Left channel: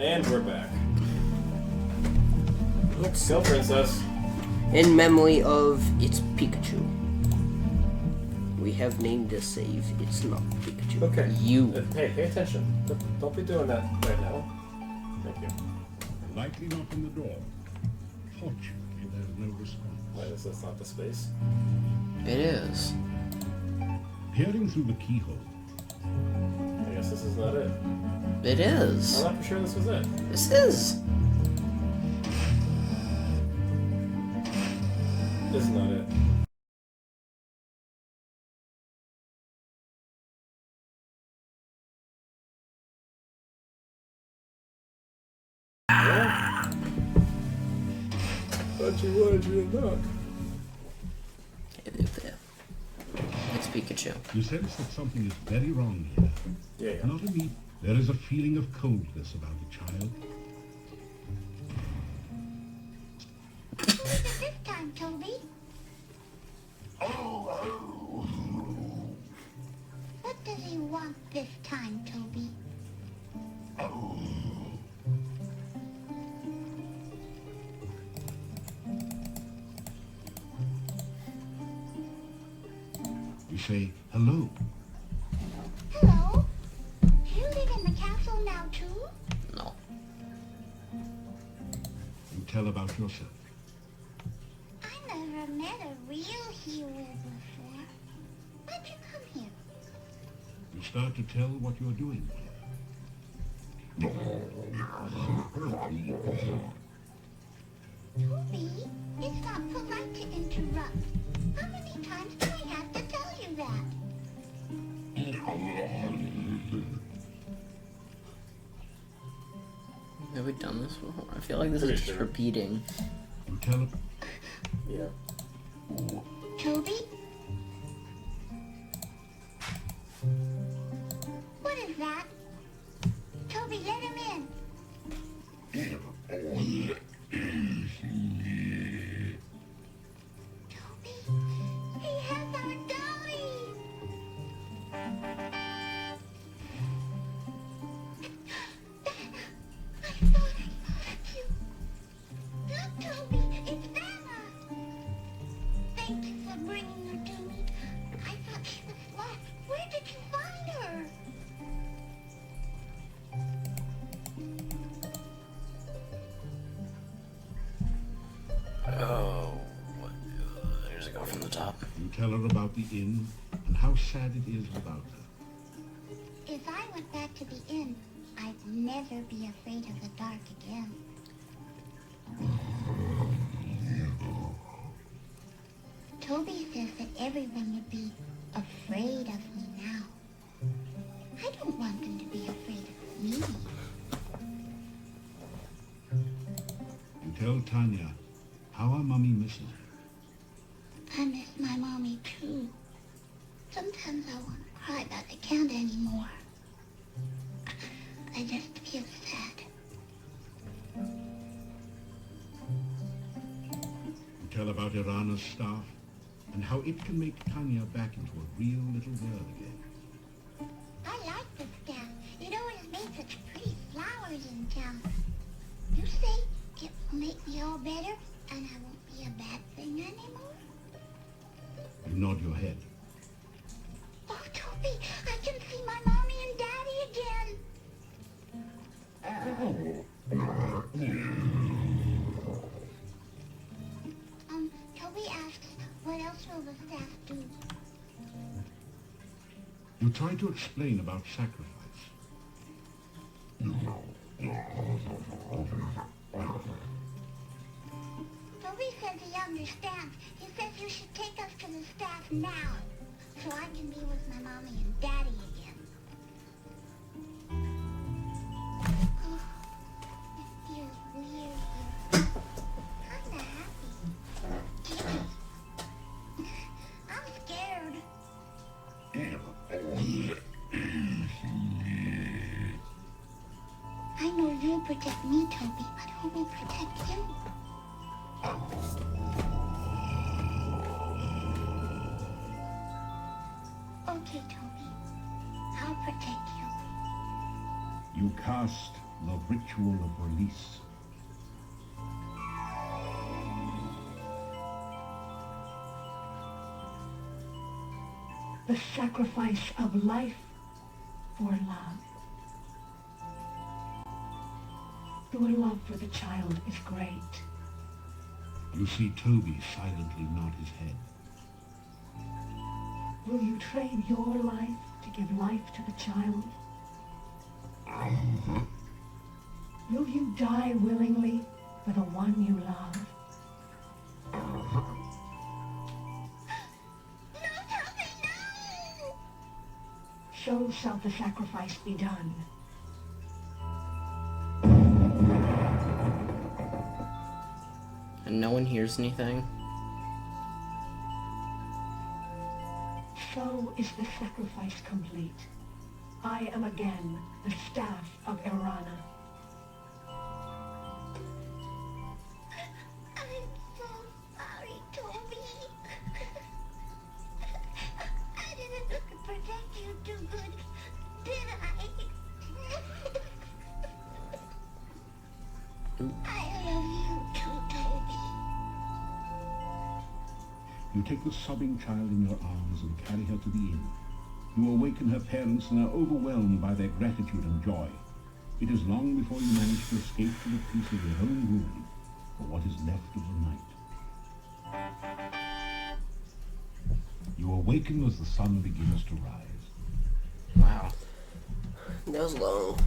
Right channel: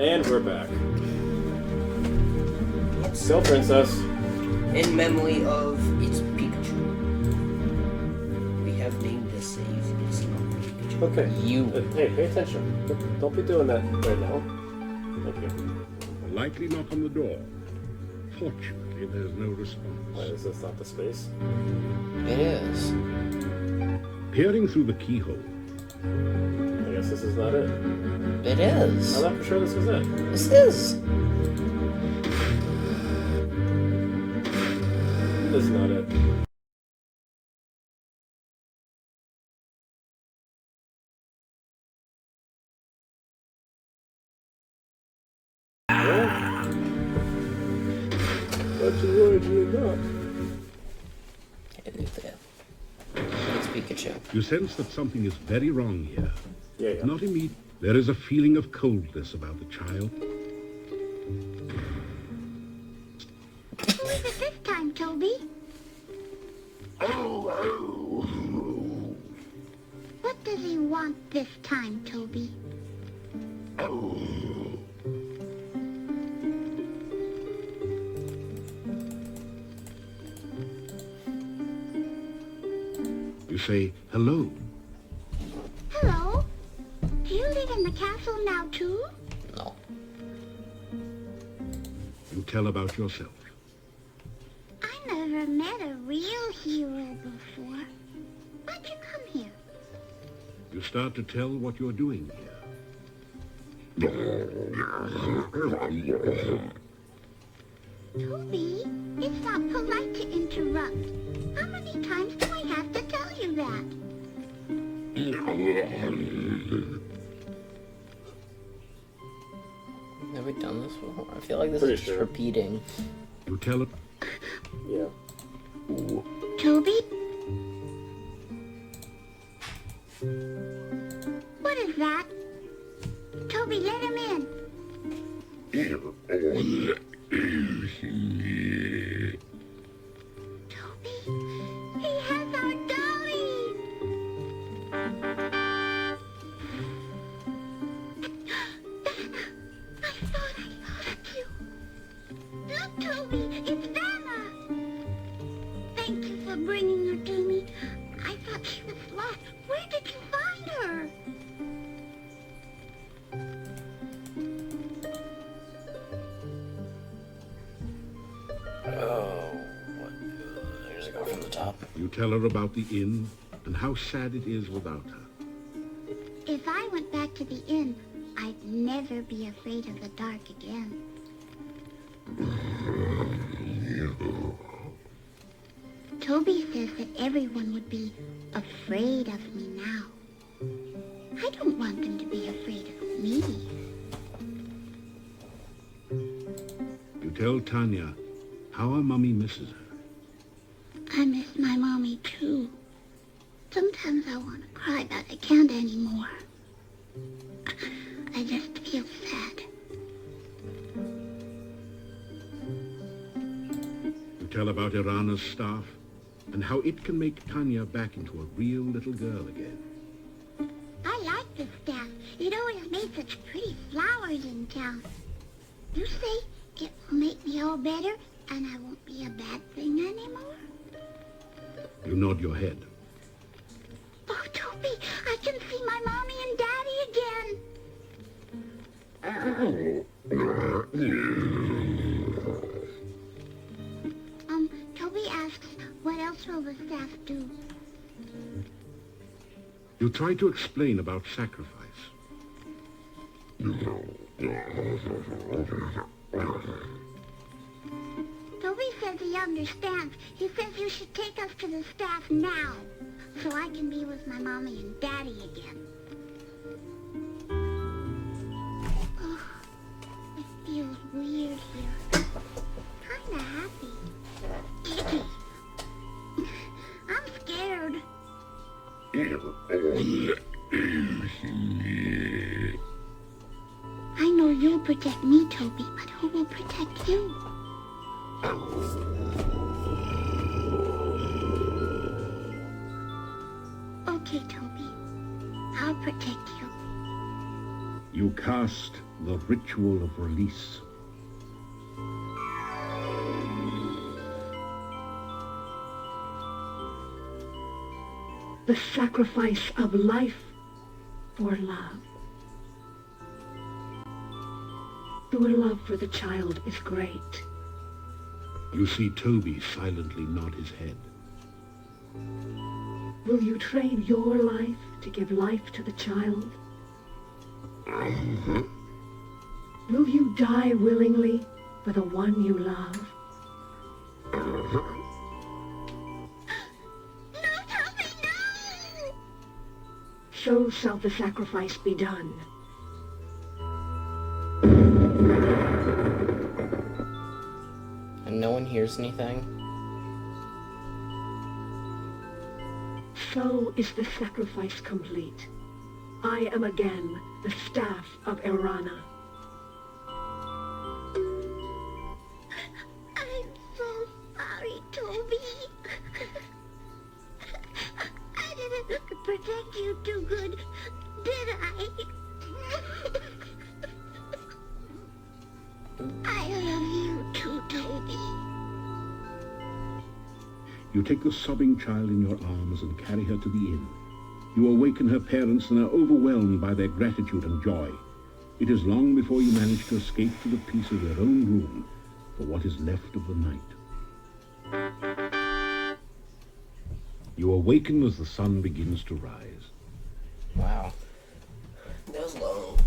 And we're back. Yes. Go, princess. In memory of its Pikachu. We have named this save. It's not Pikachu. Okay. You. Hey, pay attention. Don't be doing that right now. Thank you. A likely knock on the door. Fortunately, there's no response. Why is this not the space? It is. Peering through the keyhole, I guess this is not it. It is. I thought for sure this was it. This is. This is not it. Yeah. But you would, you did not. It's Pikachu. you sense that something is very wrong here. Yeah. Not immediately. There is a feeling of coldness about the child. What is it this time, Toby? What does he want this time, Toby? You say, hello. Hello? Do you live in the castle now, too? No. You tell about yourself. I never met a real hero before. Why'd you come here? You start to tell what you're doing here. Toby, it's not polite to interrupt. How many times do I have to tell you that? Have we done this before? I feel like this Pretty is just sure. repeating. You tell it. Yeah. Toby? What is that? Toby, let him in. Toby, he has our dolly. I thought I lost you. Look, Toby, it's Vanna. Thank you for bringing her to me. I thought she was lost. Where did you find her? Oh, what? Here's it go from the top. You tell her about the inn and how sad it is without her. If I went back to the inn, I'd never be afraid of the dark again. Toby says that everyone would be afraid of me now. I don't want them to be afraid of me. You tell Tanya how her mummy misses her. I miss my mommy too. Sometimes I want to cry, but I can't anymore. I just feel sad. You tell about Irana's staff and how it can make Tanya back into a real little girl again. I like the staff. It always made such pretty flowers in town. You say it will make me all better and I won't be a bad thing anymore? You nod your head. Oh, Toby, I can see my mommy and daddy again. Toby asks, what else will the staff do? You try to explain about sacrifice. Toby says he understands. He says you should take us to the staff now, so I can be with my mommy and daddy again. Oh, it feels weird here. Kinda happy. I'm scared. I know you'll protect me, Toby, but who will protect you? Okay, Toby. I'll protect you. You cast the ritual of release. The sacrifice of life for love. Your love for the child is great. You see Toby silently nod his head. Will you trade your life to give life to the child? Will you die willingly for the one you love? No, Toby, no! So shall the sacrifice be done. And no one hears anything? So is the sacrifice complete. I am again the staff of Irana. I'm so sorry, Toby. I didn't protect you too good, did I? I love you too, Toby. You take the sobbing child in your arms and carry her to the inn. You awaken her parents and are overwhelmed by their gratitude and joy. It is long before you manage to escape to the peace of your own room for what is left of the night. You awaken as the sun begins to rise. Wow. That was long.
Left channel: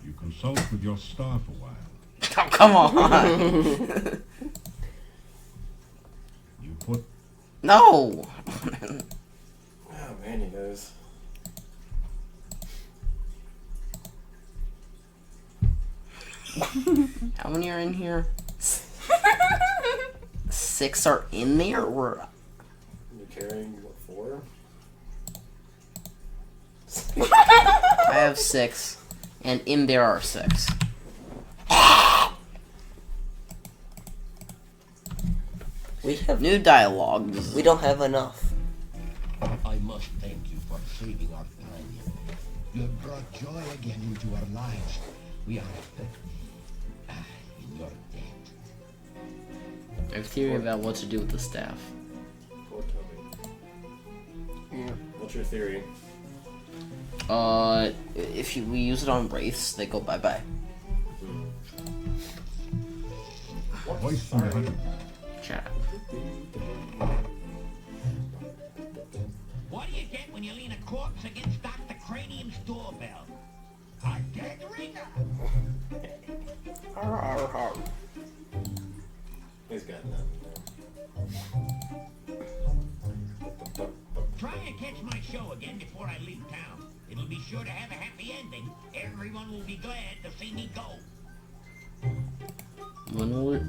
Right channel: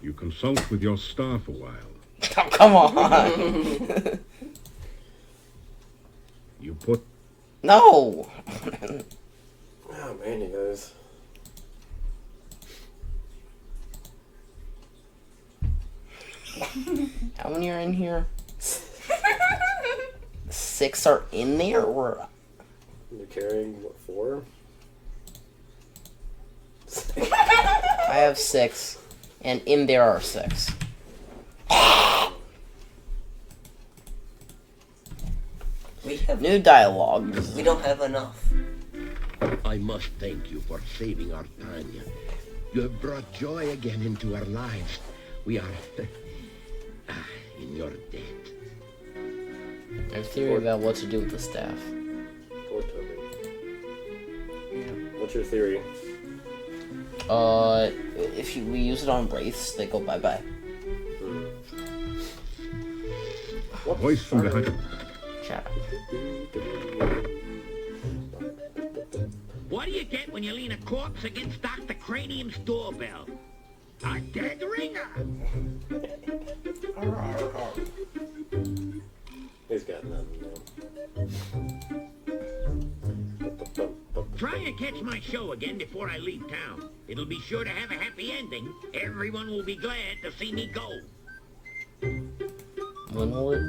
You consult with your staff a while. Oh, come on! You put No! Oh man, he knows. How many are in here? 6 are in there, or You're carrying, what, 4? I have 6, and in there are 6. We have New dialogue. We don't have enough. I must thank you for saving our Tanya. You have brought joy again into our lives. We are in your debt. I have a theory about what to do with the staff. Poor Toby. Yeah. What's your theory? If we use it on wraiths, they go bye-bye. What? voice from behind. Chat. What do you get when you lean a corpse against Dr. Cranium's doorbell? A dead ringer! He's got nothing there. Try and catch my show again before I leave town. It'll be sure to have a happy ending. Everyone will be glad to see me go. When will it?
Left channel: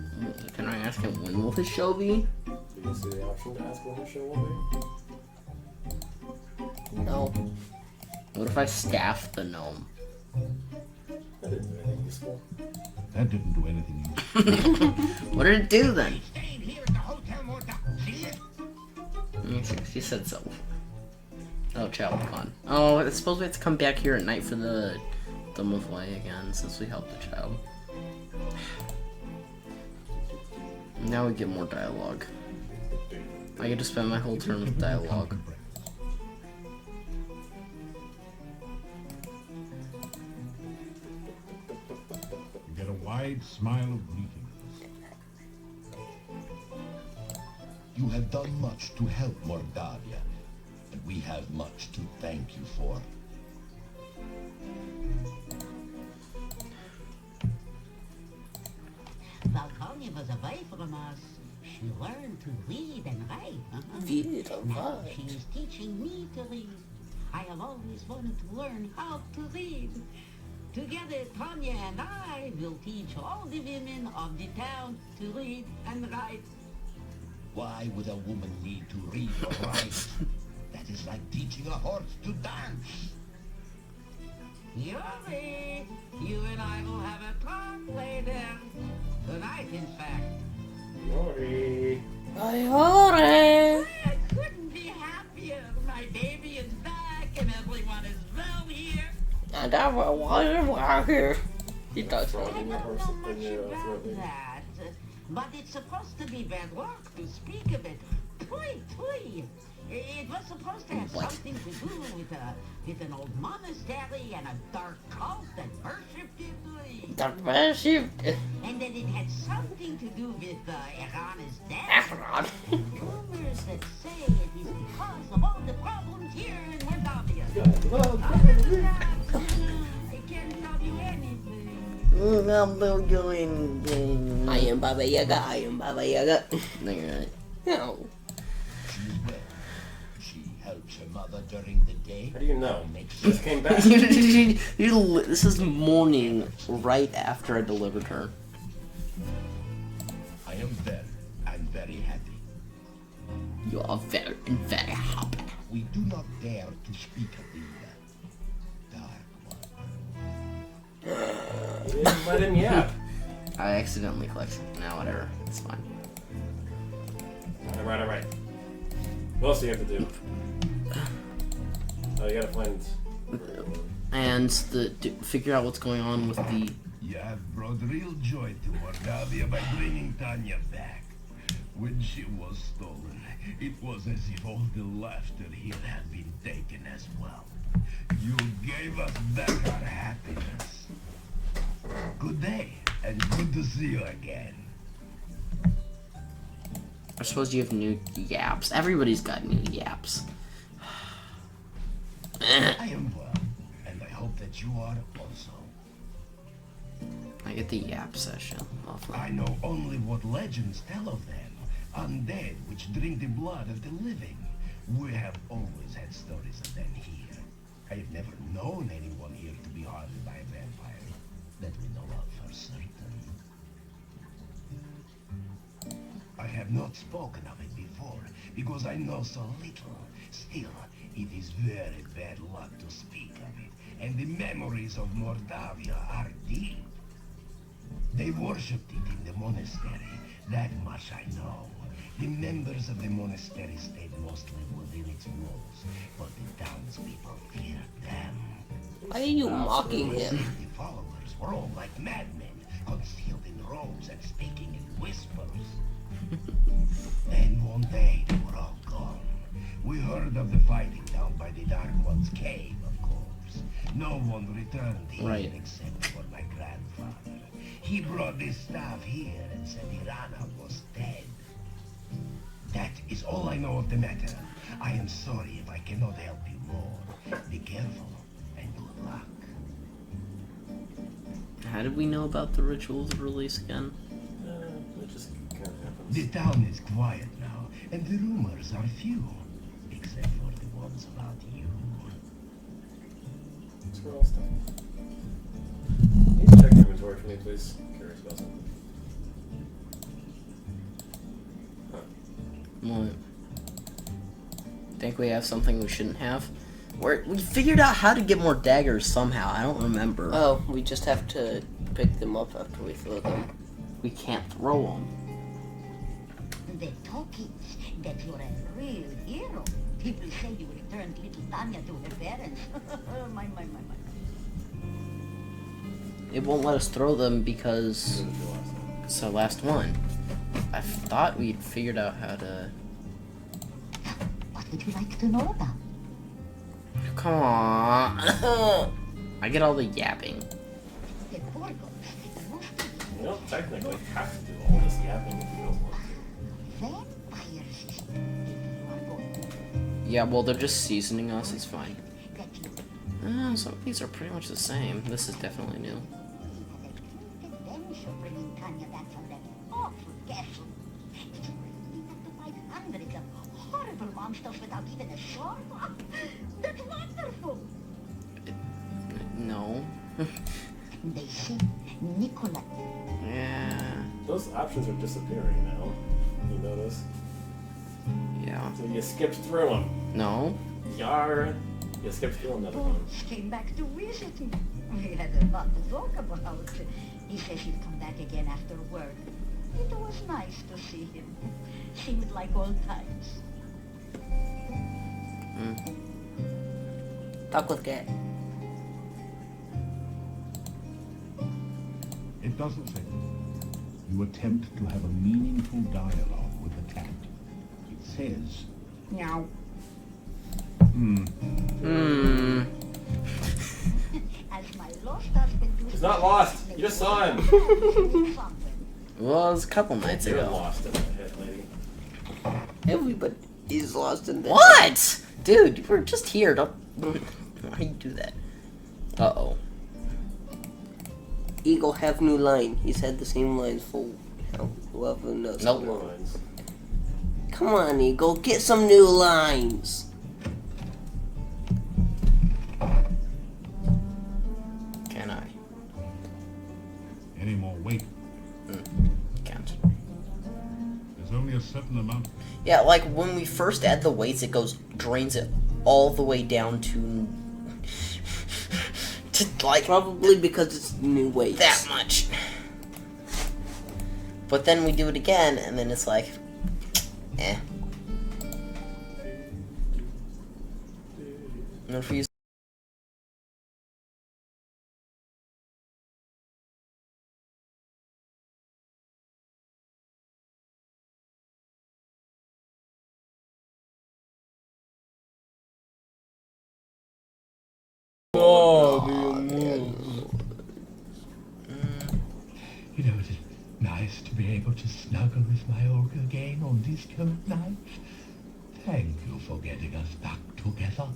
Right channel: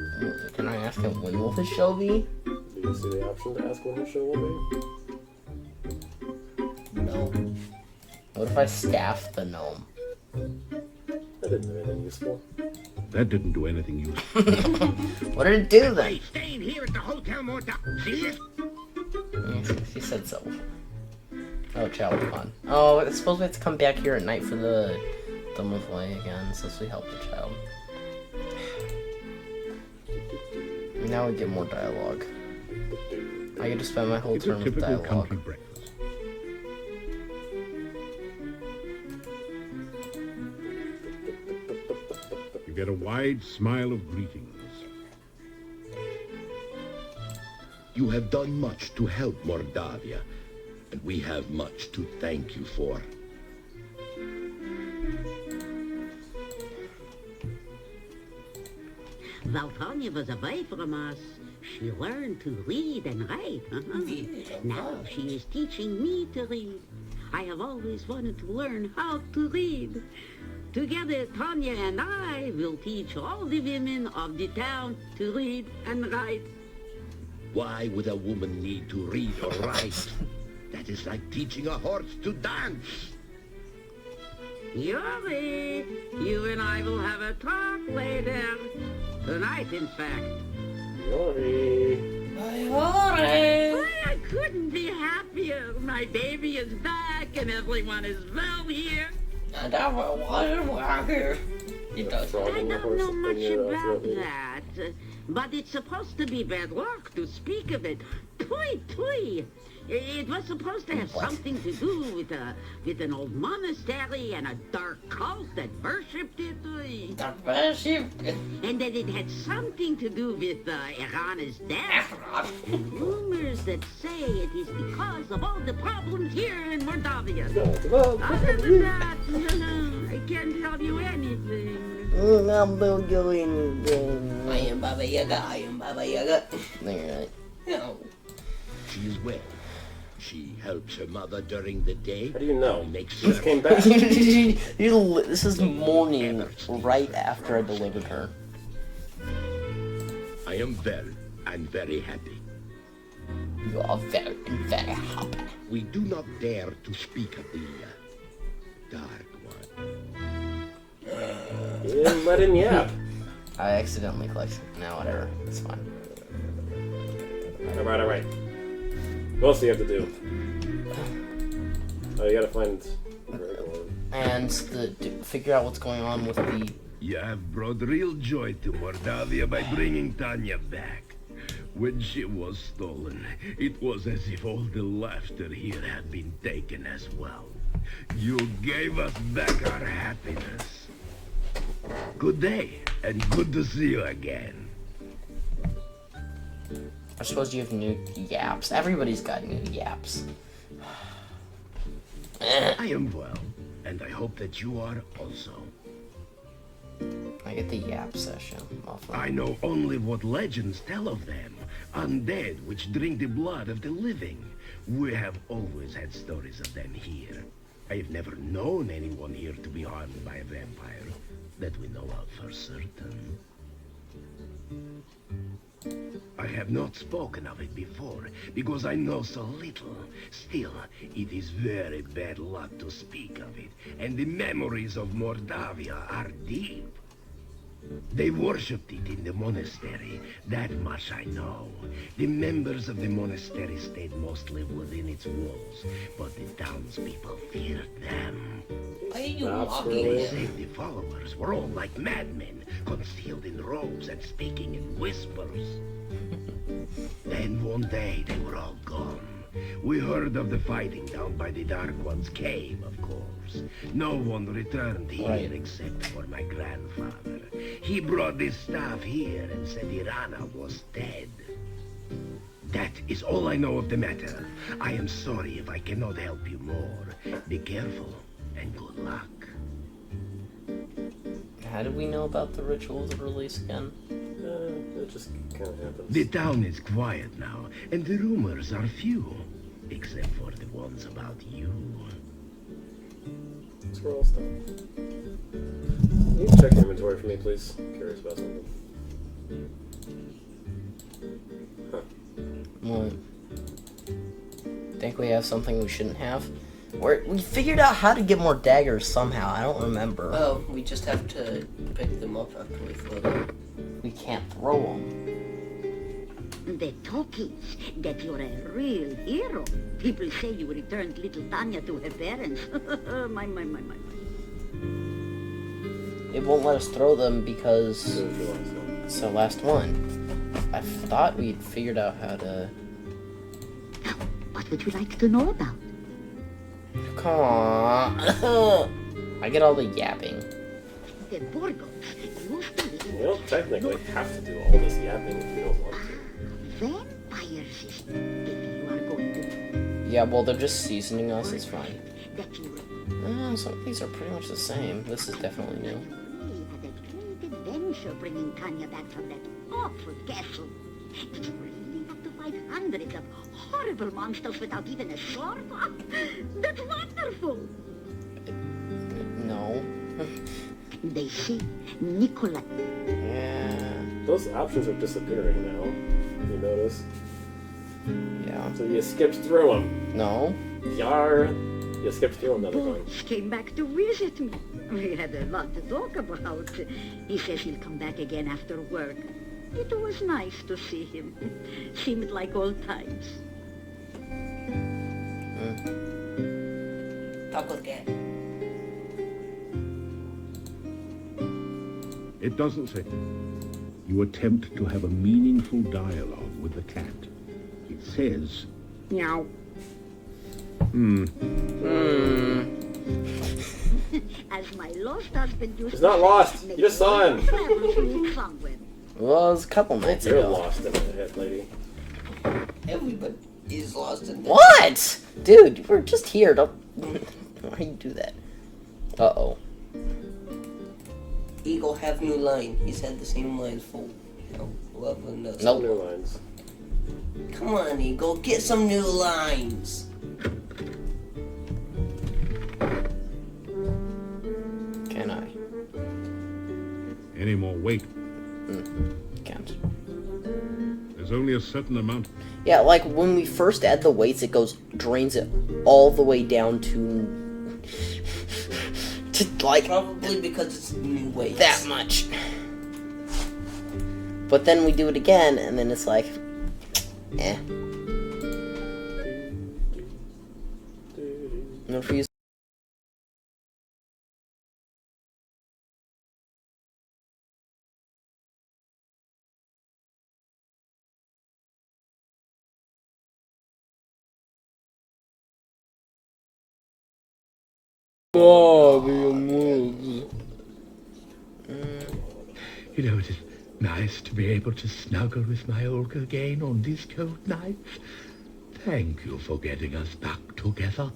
Can I ask him when will his show be? Do you see the option to ask when her show will be? No. What if I staff the gnome? That didn't do anything useful. That didn't do anything useful. What did it do then? Hey, staying here at the hotel more time. See this? She said so. Oh, child fun. Oh, I suppose we have to come back here at night for the Dumb of Way again, since we helped the child. Now we get more dialogue. I get to spend my whole It's a turn with typical dialogue. country breakfast. You get a wide smile of greetings. You have done much to help Mordavia, and we have much to thank you for. While Tanya was away from us, she learned to read and write. Now she is teaching me to read. I have always wanted to learn how to read. Together, Tanya and I will teach all the women of the town to read and write. Why would a woman need to read or write? That is like teaching a horse to dance. Yuri, you and I will have a talk later. Tonight, in fact. Yori. I couldn't be happier. My baby is back and everyone is well here. And I will walk here. He does. I don't know much about that, but it's supposed to be bad luck to speak of it. Tui, tui. It was supposed to have something to do with an old monastery and a dark cult that worshipped it. That worshipped. And that it had something to do with Irana's death. Rumors that say it is because of all the problems here in Mordavia. Other than that, I can't tell you anything. I'm not doing anything. I am Baba Yaga. I am Baba Yaga. Alright. No. She's well. She helps her mother during the day. How do you know? Makes Just came back. This is morning, right after I delivered her. I am well and very happy. You are very, very happy. We do not dare to speak of the Dark One. You didn't let him yap. I accidentally clicked. No, whatever. It's fine. Alright. What else do you have to do? Oh, you gotta find Gregor. And figure out what's going on with the... You have brought real joy to Mordavia by bringing Tanya back. When she was stolen, it was as if all the laughter here had been taken as well. You gave us back our happiness. Good day, and good to see you again. I suppose you have new yaps. Everybody's got new yaps. I am well, and I hope that you are also. I get the yap session. I know only what legends tell of them. Undead which drink the blood of the living. We have always had stories of them here. I have never known anyone here to be harmed by a vampire, that we know of for certain. I have not spoken of it before, because I know so little. Still, it is very bad luck to speak of it, and the memories of Mordavia are deep. They worshipped it in the monastery, that much I know. The members of the monastery stayed mostly within its walls, but the townspeople feared them. Why are you mocking him? The followers were all like madmen, concealed in robes and speaking in whispers. Then one day they were all gone. We heard of the fighting down by the Dark One's cave, of course. No one returned here except for my grandfather. He brought this staff here and said Irana was dead. That is all I know of the matter. I am sorry if I cannot help you more. Be careful and good luck. How did we know about the rituals of release again? It just kind of happens. The town is quiet now, and the rumors are few, except for the ones about you. Scroll stuff. Can you check the inventory for me, please? I'm curious about something. Huh. What? Think we have something we shouldn't have? We figured out how to get more daggers somehow. I don't remember. Oh, we just have to pick them up after we throw them. We can't throw them. The talkies that you're a real hero. People say you returned little Tanya to her parents. my. It won't let us throw them because it's the last one. I thought we'd figured out how to... What would you like to know about? Come on. I get all the yapping. The Borgos used to live. You don't technically have to do all this yapping if you don't want to. Vampires, if you are going to. Yeah, well, they're just seasoning us. It's fine. That you Some of these are pretty much the same. This is definitely new. had a great adventure bringing Tanya back from that awful castle. Did you really have to fight hundreds of horrible monsters without even a sword? That's wonderful! No. They say Nikolai. Yeah. Those options are disappearing now. You notice? Yeah. So you skipped through them. No. Yar. You skipped through another one. Boss came back to visit me. We had a lot to talk about. He says he'll come back again after work. It was nice to see him. Seemed like old times. Talk with Cat. It doesn't say. You attempt to have a meaningful dialogue with the cat. It says, meow. As my lost husband used It's to not say, lost. "May You just saw him." somewhere." Well, it was a couple nights You're ago. lost in the head, lady. Everybody is lost in there. What? Dude, we're just here. Don't. Why you do that? Uh-oh. Eagle have new line. He's had the same lines for whoever knows. Nope. No lines. Come on, Eagle, get some new lines. Can I? Any more weight? Can't. There's only a certain amount. Yeah, like when we first add the weights, it drains it all the way down to like Probably because it's new weights. that much. But then we do it again, and then it's like, eh. And if we use You know, it is nice to be able to snuggle with my Olga again on these cold nights. Thank you for getting us back together.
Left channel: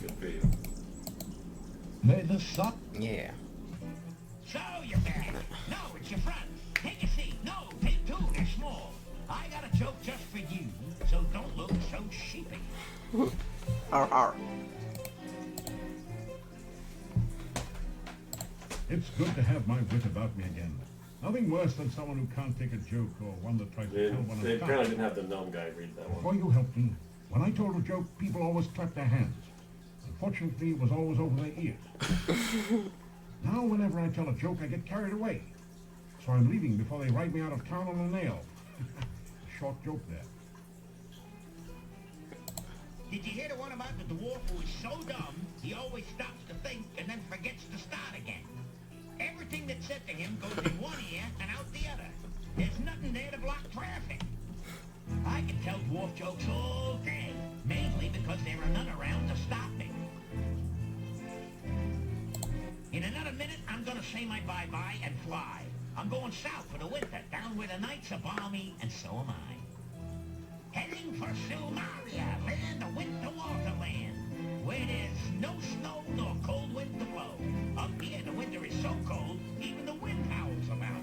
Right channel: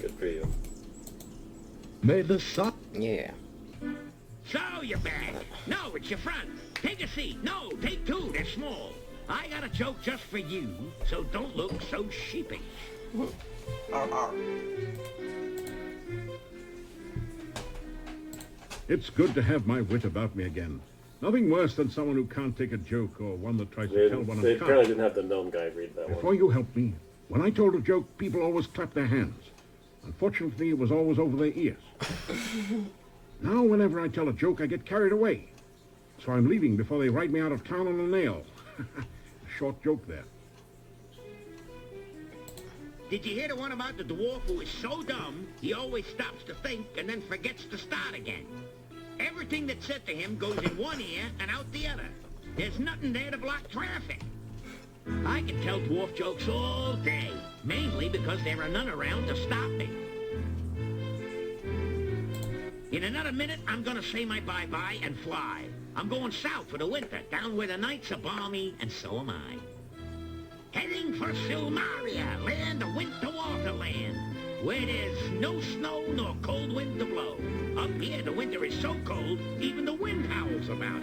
Good for you. May the sun... yeah. So you're back. No, it's your front. Take a seat. No, take two. They're small. I got a joke just for you, so don't look so sheepish. Arr. It's good to have my wit about me again. Nothing worse than someone who can't take a joke or one that tries to tell one They of apparently didn't have the gnome guy read that Before one. you helped me, when I told a joke, people always clapped their hands. Unfortunately, it was always over their ears. Now, whenever I tell a joke, I get carried away. So I'm leaving before they write me out of town on a nail. Short joke there. Did you hear the one about the dwarf who is so dumb, he always stops to think and then forgets to start again? Everything that's said to him goes in one ear and out the other. There's nothing there to block traffic. I can tell dwarf jokes all day, mainly because there are none around to stop me. In another minute, I'm gonna say my bye-bye and fly. I'm going south for the winter, down where the nights are balmy, and so am I. Heading for Silmaria, land of winter waterland, where there's no snow nor cold wind to blow. Up here, the winter is so cold, even the wind howls about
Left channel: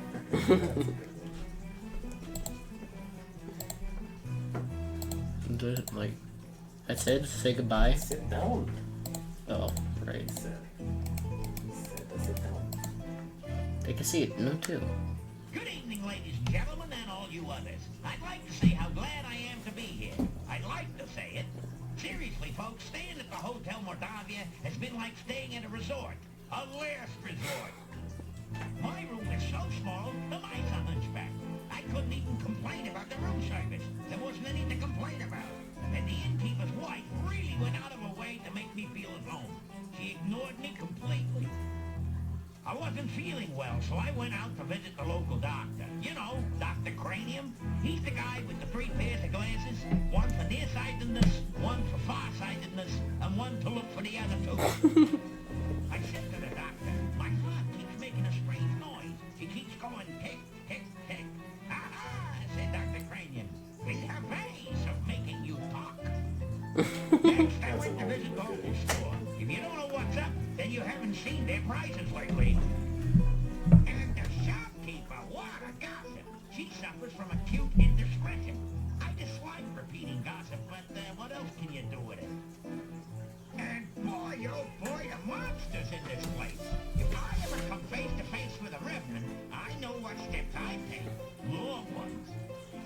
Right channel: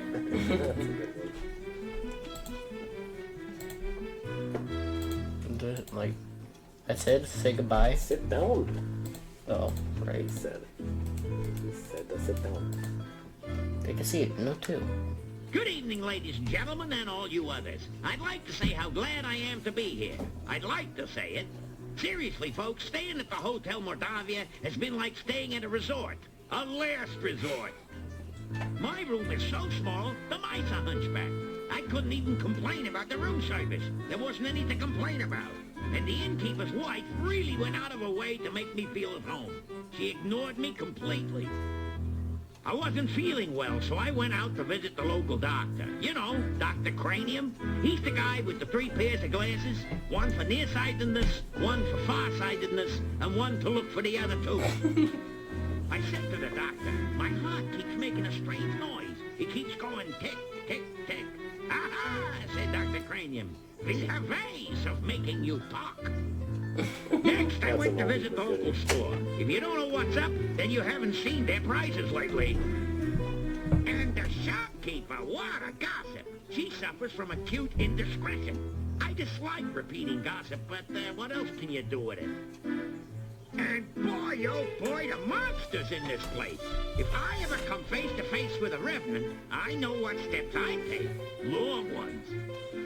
it. Like, I said, say goodbye. Sit down. Oh, right. He said to sit down. Take a seat. No, two. Good evening, ladies and gentlemen, and all you others. I'd like to say how glad I am to be here. I'd like to say it. Seriously, folks, staying at the Hotel Mordavia has been like staying at a resort. A last resort. My room is so small, the mice are hunchback. I couldn't even complain about the room service. There wasn't any to complain about. And the innkeeper's wife really went out of her way to make me feel at home. She ignored me completely. I wasn't feeling well, so I went out to visit the local doctor. You know, Dr. Cranium. He's the guy with the 3 pairs of glasses. One for nearsightedness, one for farsightedness, and one to look for the other 2. I said to the doctor, my heart keeps making a strange noise. It keeps going tick, tick, tick. Aha, said Dr. Cranium. We have ways of making you talk. Next, I went to visit the local store. If you don't know what's up, then you haven't seen their prices lately. And the shopkeeper, what a gossip. She suffers from acute indiscretion. I dislike repeating gossip, but what else can you do with it? And boy, oh boy, the monsters in this place. If I ever come face to face with a revenant, I know what steps I take. Long ones.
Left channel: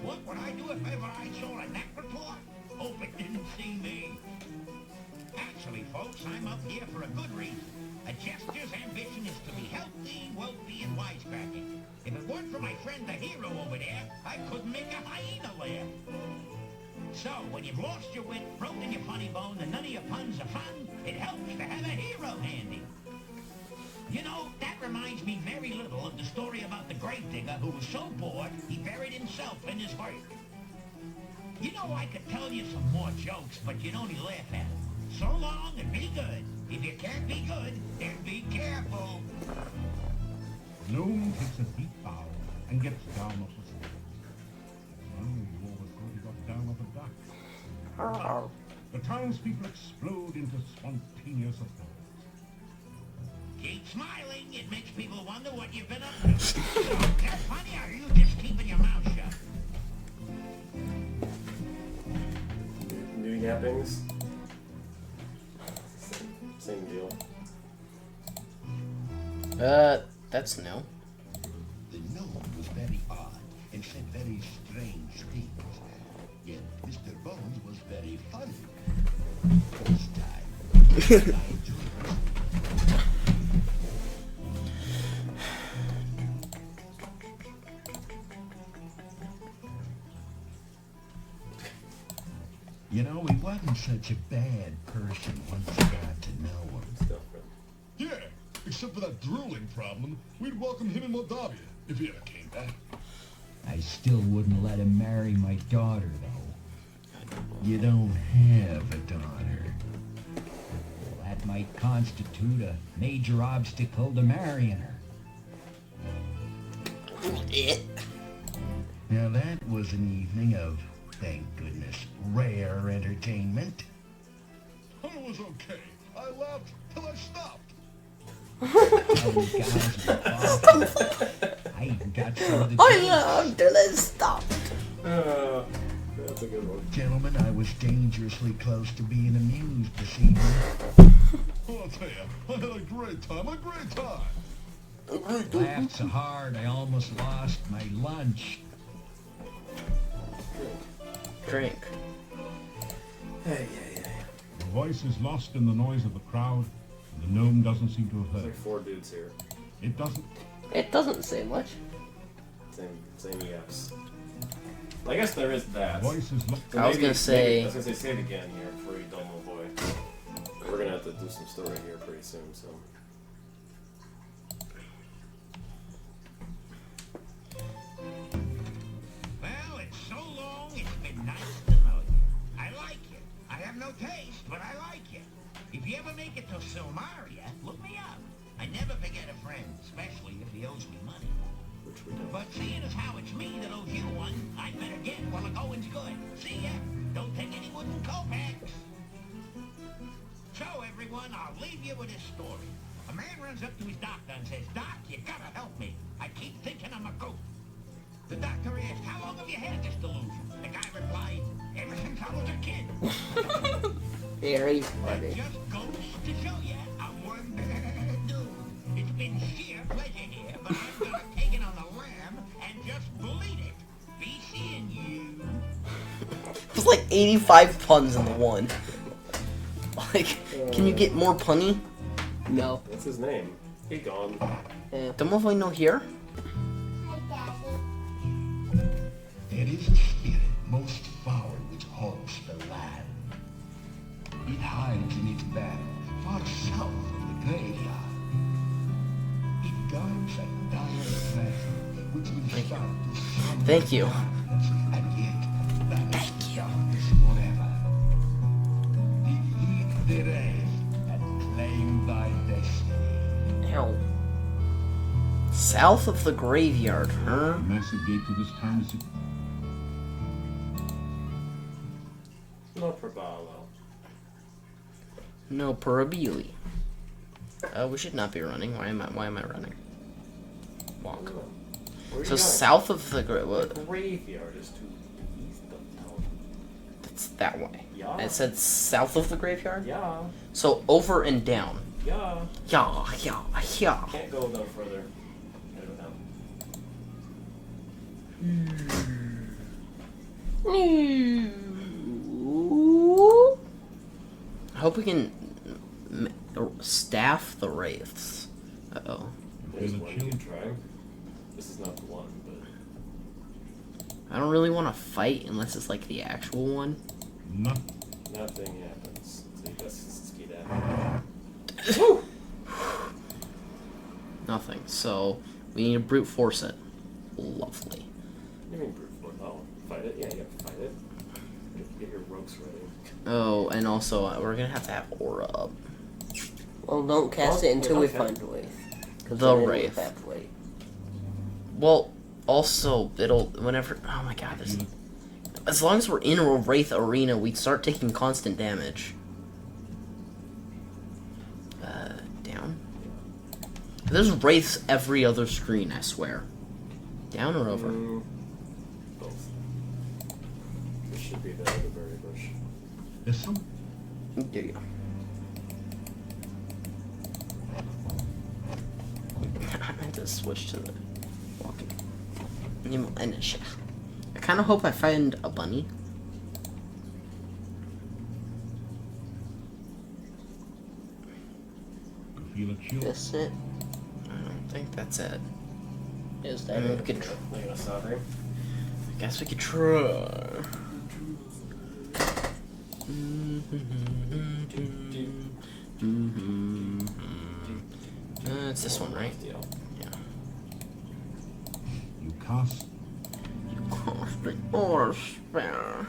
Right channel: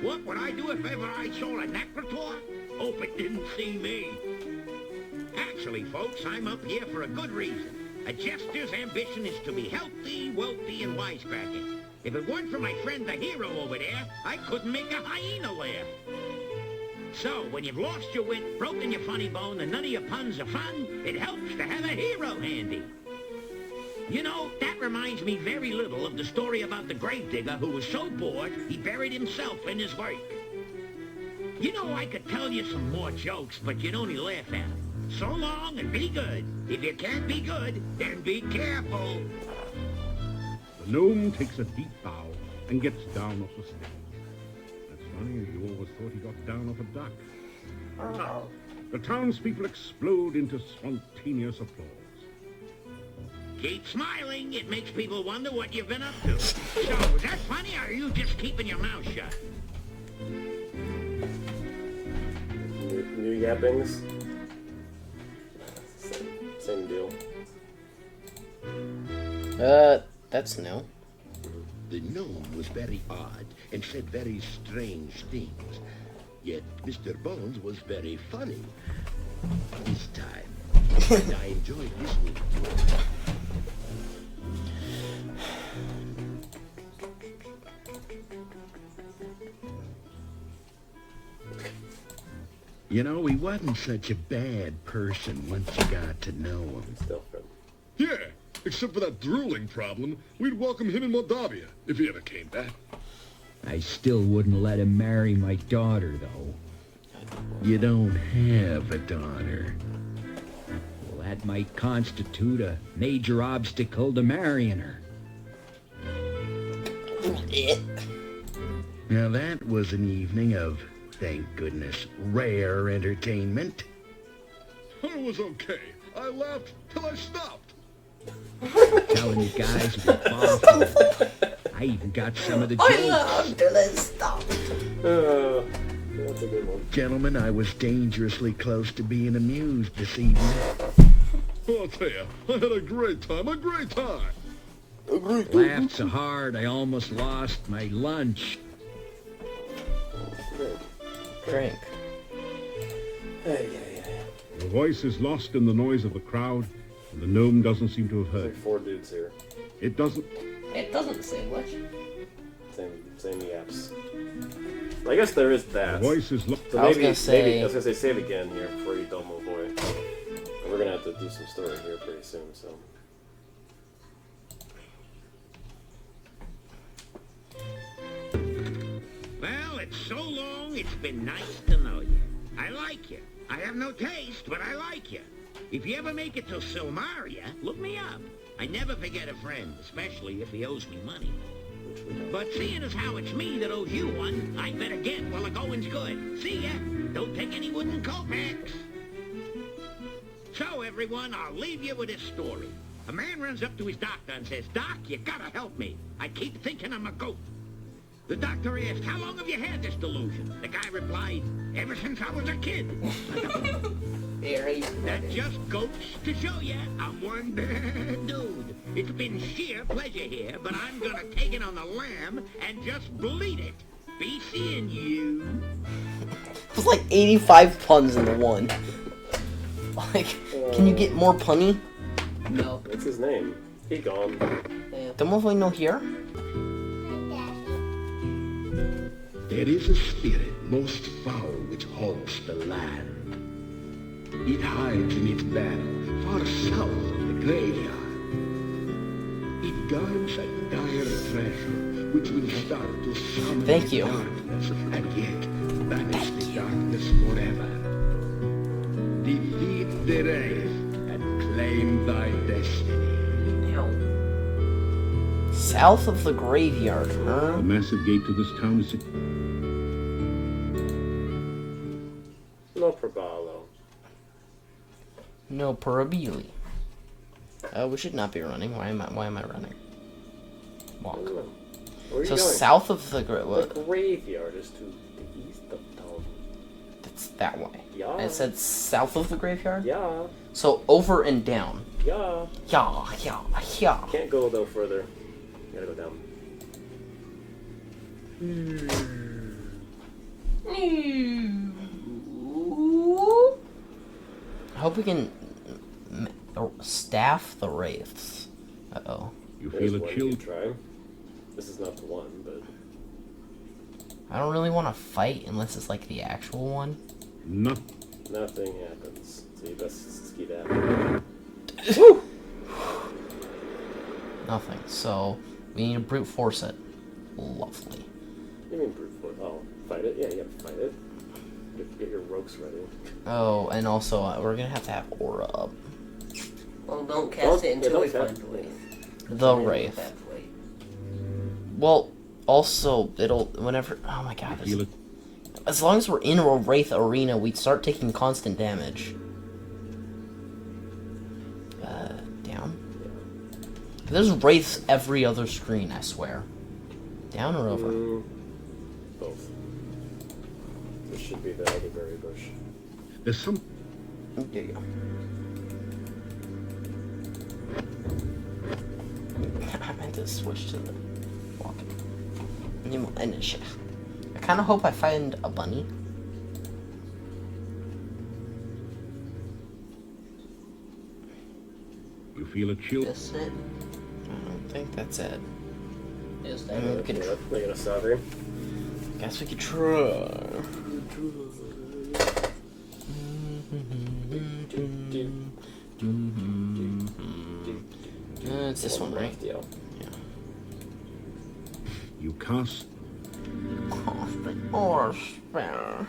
What would I do if ever I saw a necrotor? Hope it didn't see me. Actually, folks, I'm up here for a good reason. A jester's ambition is to be healthy, wealthy, and wisecracking. If it weren't for my friend the hero over there, I couldn't make a hyena laugh. So, when you've lost your wit, broken your funny bone, and none of your puns are fun, it helps to have a hero handy. You know, that reminds me very little of the story about the gravedigger who was so bored he buried himself in his work. You know, I could tell you some more jokes, but you'd only laugh at them. So long and be good. If you can't be good, then be careful. The gnome takes a deep bow and gets down off the step. That's funny, you always thought he got down off a duck. Oh. The townspeople explode into spontaneous applause. Keep smiling. It makes people wonder what you've been up to. So, is that funny, or are you just keeping your mouth shut? New yappings. Same deal. That's new. The gnome was very odd and said very strange things. Yet Mr. Bones was very funny. This time, and I enjoyed listening to him. You know, he wasn't such a bad person once you got to know him. Still friend. Yeah, except for that drooling problem, we'd welcome him in Moldavia if he ever came back. I still wouldn't let him marry my daughter, though. You don't have a daughter. Well, that might constitute a major obstacle to marrying her. Now that was an evening of, thank goodness, rare entertainment. It was okay. I laughed till I stopped. Telling you guys were awful. I even got some of the jokes. Till I stopped. That's a good one. Gentlemen, I was dangerously close to being amused this evening. I'll tell you, I had a great time, a great time. Laughed so hard I almost lost my lunch. Drink. Hey. The voice is lost in the noise of the crowd, and the gnome doesn't seem to have There's heard. like 4 dudes here. It doesn't... It doesn't say much. Same yaps. I guess there is that. The voice is lost. So I was gonna say save again here before you dumb boy. And we're gonna have to do some story here pretty soon, so. Well, it's so long, it's been nice to know you. I like you. I have no taste, but I like you. If you ever make it to Silmaria, look me up. I never forget a friend, especially if he owes me money. Which we don't. But seeing as how it's me that owes you one, I better get while the going's good. See ya. Don't take any wooden kopecks. So, everyone, I'll leave you with this story. A man runs up to his doctor and says, "Doc, you gotta help me. I keep thinking I'm a goat." The doctor asked, "How long have you had this delusion?" The guy replied, "Ever since I was a kid." Very That funny. just goes to show you I'm one bad dude. It's been sheer pleasure here, but I'm gonna take it on the lamb and just bleed it. Be seeing you. It was like 85 puns in the one. Like, can you get more punny? No. What's his name? He gone. Don't we know here? There is a spirit most foul which haunts the land. It hides in its battle far south of the graveyard. It guards a dire treasure which will start to summon Thank you. darkness and yet banish the darkness forever. Defeat the wraith and claim thy destiny. Hell. South of the graveyard, huh? The massive gate to this town is... No probalo. No parabili. We should not be running. Why am I running? Walk. Where are you So going? south of the The graveyard is to the east of town. That's that way. Yeah. It said south of the graveyard? Yeah. So over and down. Yeah. Yeah. Can't go no further. Gotta go down. I hope we can staff the wraiths. Uh-oh. You There's feel a one chill... you try. This is not the one, but... I don't really want to fight unless it's like the actual one. Nothing happens. So you best ski that. Woo! Nothing. So we need to brute force it. Lovely. What do you mean brute force? Oh, fight it? Yeah, you gotta fight it. You have to get your ropes ready. Oh, and also we're gonna have to have Aura up. Well, don't cast it until we find a way. The Wraith. Well, also it'll whenever. Oh my God! As long as we're in a Wraith arena, we start taking constant damage. Down. There's Wraiths every other screen. I swear. Down or over? Both. This should be the other berry bush. There's some. There you go. I meant to switch to the walking. I kind of hope I find a bunny. You feel a chill. That's it. I don't think that's it. Is that We it? could Are you gonna stop here? I guess we could try. It's this one, right? Yeah. You cast. The Aura Spell.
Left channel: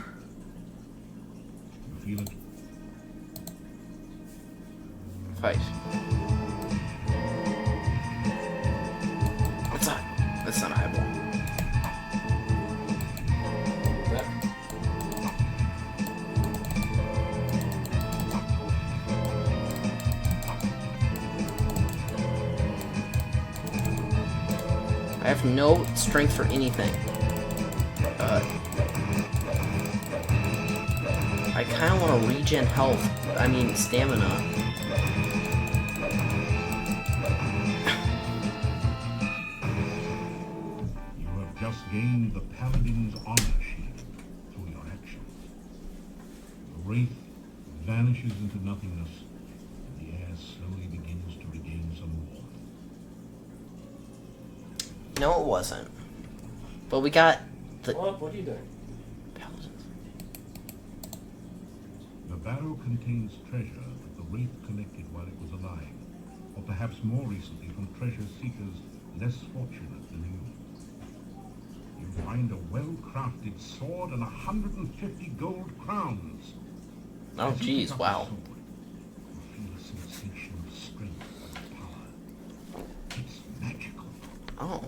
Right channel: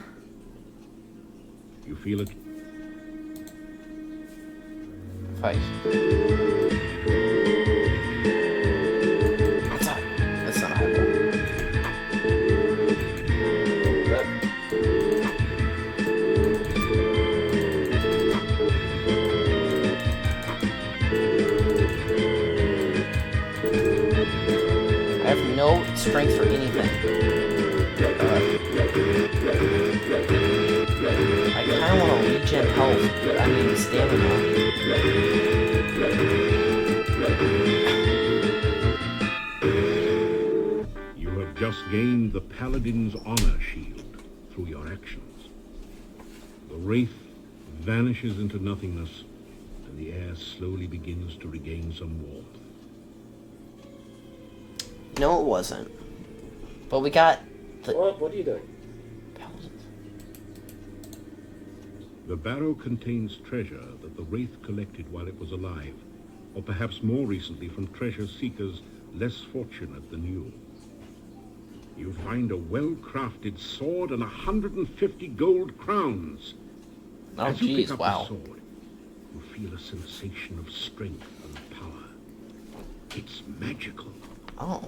You feel it. Fight. That's not a high ball. I have no strength for anything. I kind of want to regen health. I mean, stamina. You have just gained the Paladin's honor shield through your actions. The Wraith vanishes into nothingness, and the air slowly begins to regain some warmth. No, it wasn't. But we got the What are you doing? Paladins. The barrow contains treasure that the Wraith collected while it was alive, or perhaps more recently from treasure seekers less fortunate than you. You find a well-crafted sword and 150 gold crowns. Oh, As you pick jeez, up wow. the sword, you feel a sensation of strength and power. It's magical. Oh.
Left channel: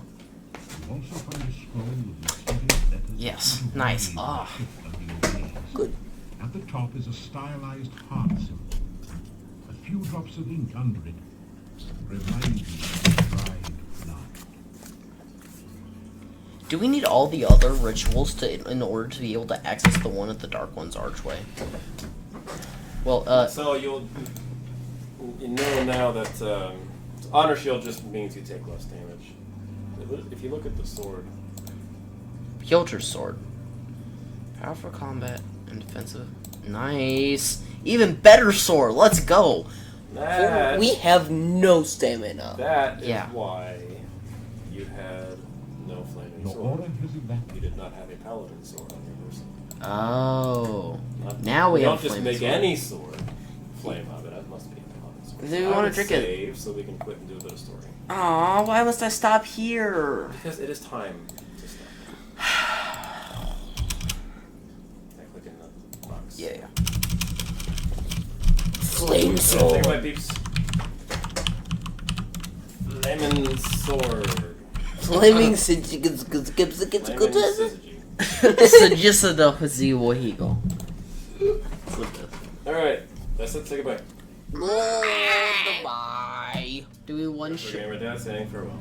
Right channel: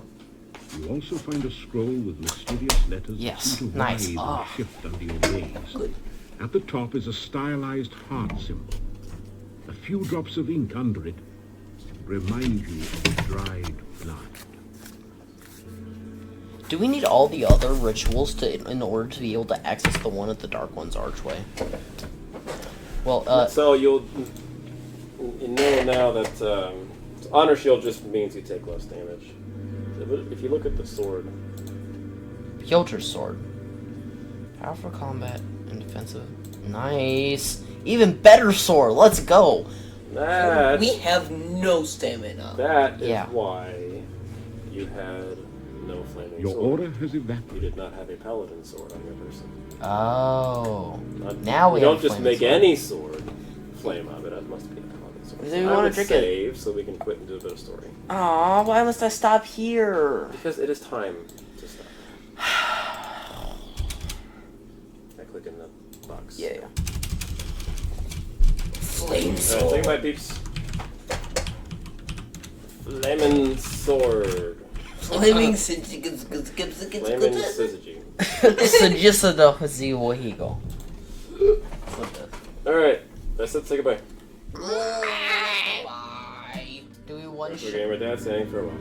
You also find a scroll with mysterious letters. Yes, that seem to nice. writhe Ah. and shift under your gaze. Good. At the top is a stylized heart symbol. A few drops of ink under it remind you of dried blood. Do we need all the other rituals in order to be able to access the one at the Dark One's archway? Well, So you know now that honor shield just means you take less damage. If you look at the sword, Piotr sword. Powerful combat and defensive. Nice. Even better sword. Let's go. We have no stamina. That is Yeah. why you had no flaming Your sword. order has evaporated. You did not have a paladin sword on your person. Oh. Now we don't have just flame make sword. any sword flame of it. It must be a paladin sword. Do we I wanna would drink it? save so we can quit and do a bit of story. Aw, why must I stop here? Because it is time to stop. I click in the box. Yeah. Flame Alright, sword. think about peeps. Flaming sword. Flaming Flaming syzygy. Alright, that's it. Say goodbye. Bye. Do we one Gamer Dad saying farewell.